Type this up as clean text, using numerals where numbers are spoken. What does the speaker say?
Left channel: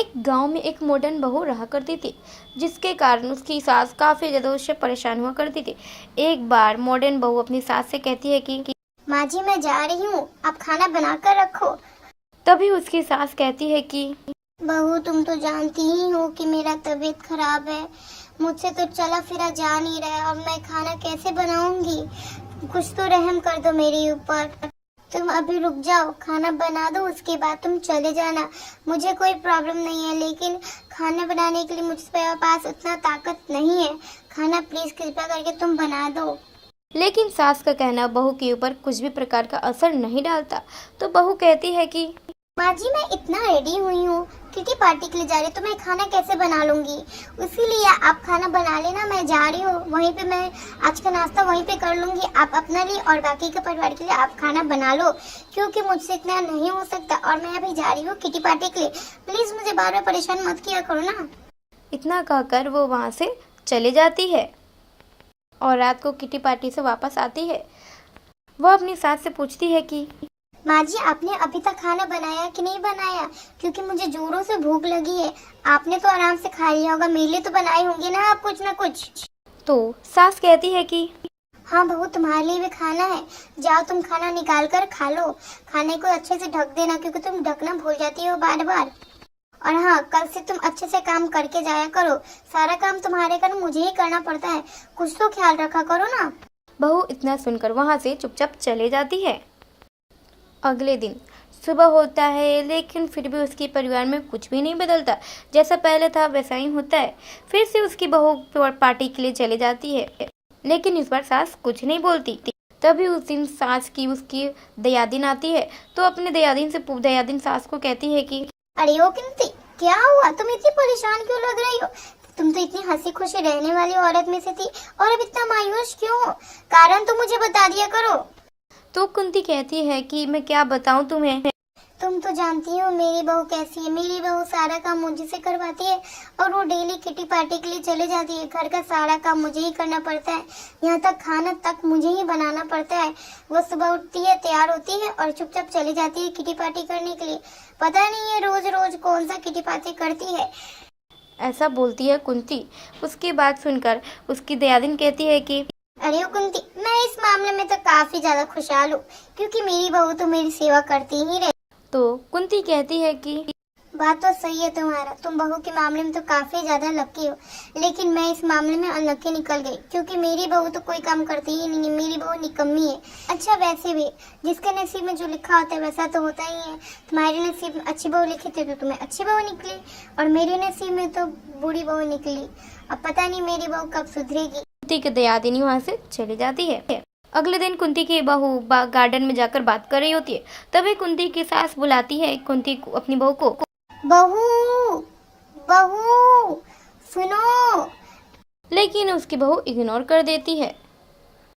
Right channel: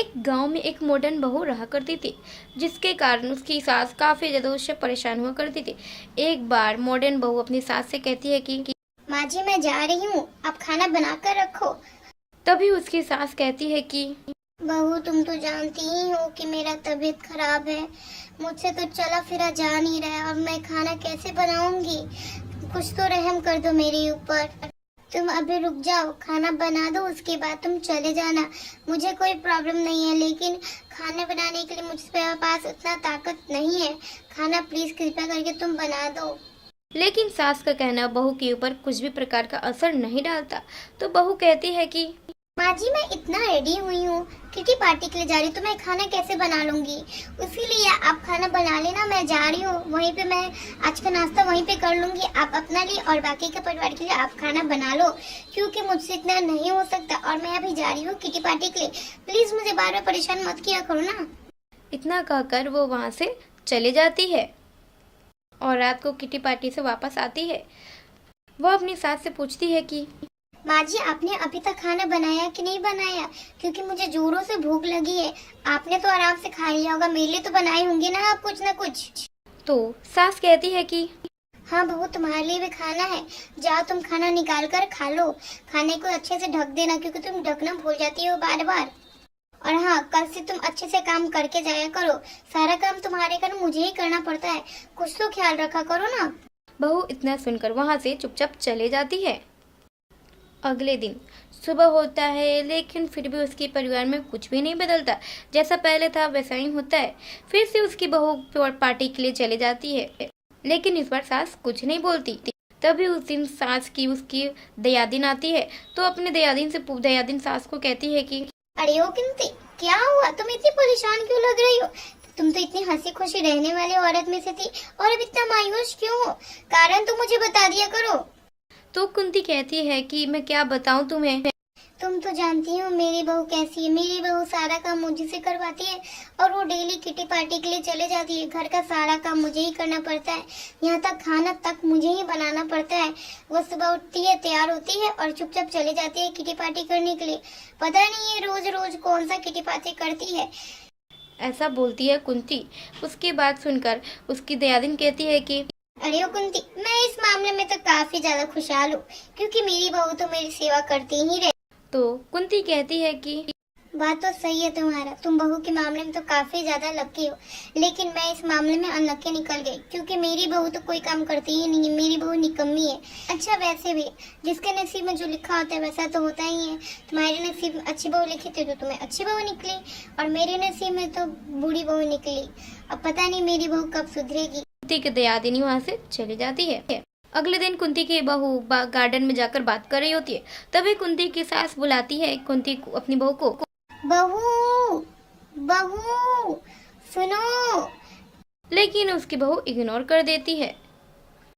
एक गांव में एक मॉडर्न बहू रहा करती थी, जिसके कारण उसकी सास काफी ज्यादा उससे परेशान हुआ करती थी। एक बार मॉडर्न बहू अपनी सास से कहती है कि माँ जी मैं जा रही हूँ, आप खाना बना कर रखो। तभी उसकी सास कहती है कि बहू तुम तो जानती ही हो कि मेरा तबीयत खराब है, मुझसे तो चला फिरा जा नहीं रहा है और मैं खाना कैसे बनाऊंगी, कुछ तो रहम कर दो मेरे ऊपर। तुम अभी रुक जाओ, खाना बना दो, उसके बाद तुम चले जाना। मुझे कोई प्रॉब्लम नहीं है, लेकिन खाना बनाने के लिए मुझे पास उतना ताकत नहीं है। खाना प्लीज कृपया करके तुम बना दो। लेकिन सास का कहना बहू के ऊपर कुछ भी प्रकार का असर नहीं डालता। तो बहू कहती है कि माँ जी मैं इतना रेडी हुई हूँ, किटी पार्टी के लिए जा रही हूँ, तो मैं खाना कैसे बना लूंगी। इसीलिए आप खाना बना लेना, मैं जा रही हूँ, वहीं पे मैं आज का नाश्ता वहीं पे कर लूंगी। आप अपना लिए और बाकी के परिवार के लिए आप खाना बना लो, क्योंकि मुझसे इतना नहीं हो सकता और मैं अभी जा रही हूँ किटी पार्टी के लिए। प्लीज मुझे बार बार परेशान मत किया करो ना। इतना कहकर वो वहाँ से चले जाती है और रात को किटी पार्टी से वापस आती है। वह अपनी सास से पूछती है कि माँ जी आपने अभी तक खाना बनाया कि नहीं बनाया, क्योंकि मुझे जोरों से भूख लगी है। आपने तो आराम से खा लिया होगा, मेरे लिए तो बनाई होंगी ना आप कुछ ना कुछ। तो सास कहती है कि हाँ बहू तुम्हारे लिए भी खाना है, जाओ तुम खाना निकाल कर खा लो। खाने को अच्छे से ढक देना, क्योंकि तुम ढकना भूल जाती हो बार बार। और हाँ कल से तुम अच्छे से काम करके जाया करो, सारा काम तुम्हारे घर मुझे ही करना पड़ता है, कुछ तो ख्याल रखा करो ना। बहू इतना सुनकर वहाँ से चुपचाप चले जाती है। अगले दिन सुबह होता है, लेकिन फिर भी उसके परिवार में कुछ भी नहीं बदलता। जैसा पहले था वैसा ही होता है। फिर से उसकी बहू पार्टी के लिए चले जाती है, लेकिन इस बार सास कुछ नहीं बोलती। तभी उस दिन सास की उसकी दयादिन आती है, तो अपने दयादिन सास को कहती है कि अरे ओ किंती क्या हुआ, तुम इतनी परेशान क्यों लग रही हो। तुम तो इतनी हंसी खुशी रहने वाली औरत में से थी और अब इतना मायूस क्यों हो, कारण तो मुझे बता दिया करो। तो कुंती कहती है कि मैं क्या बताऊं तुम्हें। तुम तो जानती हो मेरी बहू कैसी है, मेरी बहू सारा काम मुझे से करवाती है और वो डेली किटी पार्टी के लिए चले जाती है। घर का सारा काम मुझे ही करना पड़ता है, यहाँ तक खाना तक मुझे ही बनाना पड़ता है। वो सुबह उठती है, तैयार होती है और चुपचाप चली जाती है किटी पार्टी करने के लिए। पता नहीं है रोज रोज कौन सा किटी पार्टी करती है। ऐसा बोलती है कुंती। उसकी बात सुनकर उसकी दयादिन कहती है कि अरे कुंती मैं इस मामले में तो काफी ज्यादा खुशहाल हूँ, क्योंकि मेरी बहू तो मेरी सेवा करती ही रहे। तो कुंती कहती है कि बात तो सही है तुम्हारा, तुम बहू के मामले में तो काफी ज्यादा लकी हो, लेकिन मैं इस मामले में अनलकी निकल गई, क्योंकि मेरी बहू तो कोई काम करती ही नहीं है, मेरी बहू निकम्मी है। अच्छा वैसे भी जिसके नसीब में जो लिखा होता है वैसा तो होता ही है। तुम्हारे नसीब में अच्छी बहू लिखी थी तो तुम्हें अच्छी बहू निकली, और मेरे नसीब में तो बुरी बहू निकली। अब पता नहीं मेरी बहू कब सुधरेगी। कुंती की दयादिनी वहाँ से चली जाती है। अगले दिन कुंती की बहू गार्डन में जाकर बात कर रही होती है। तभी कुंती की सास बुलाती है कुंती को, अपनी बहू को। बहू बहू सुनो। लेकिन उसकी बहू इग्नोर कर देती है।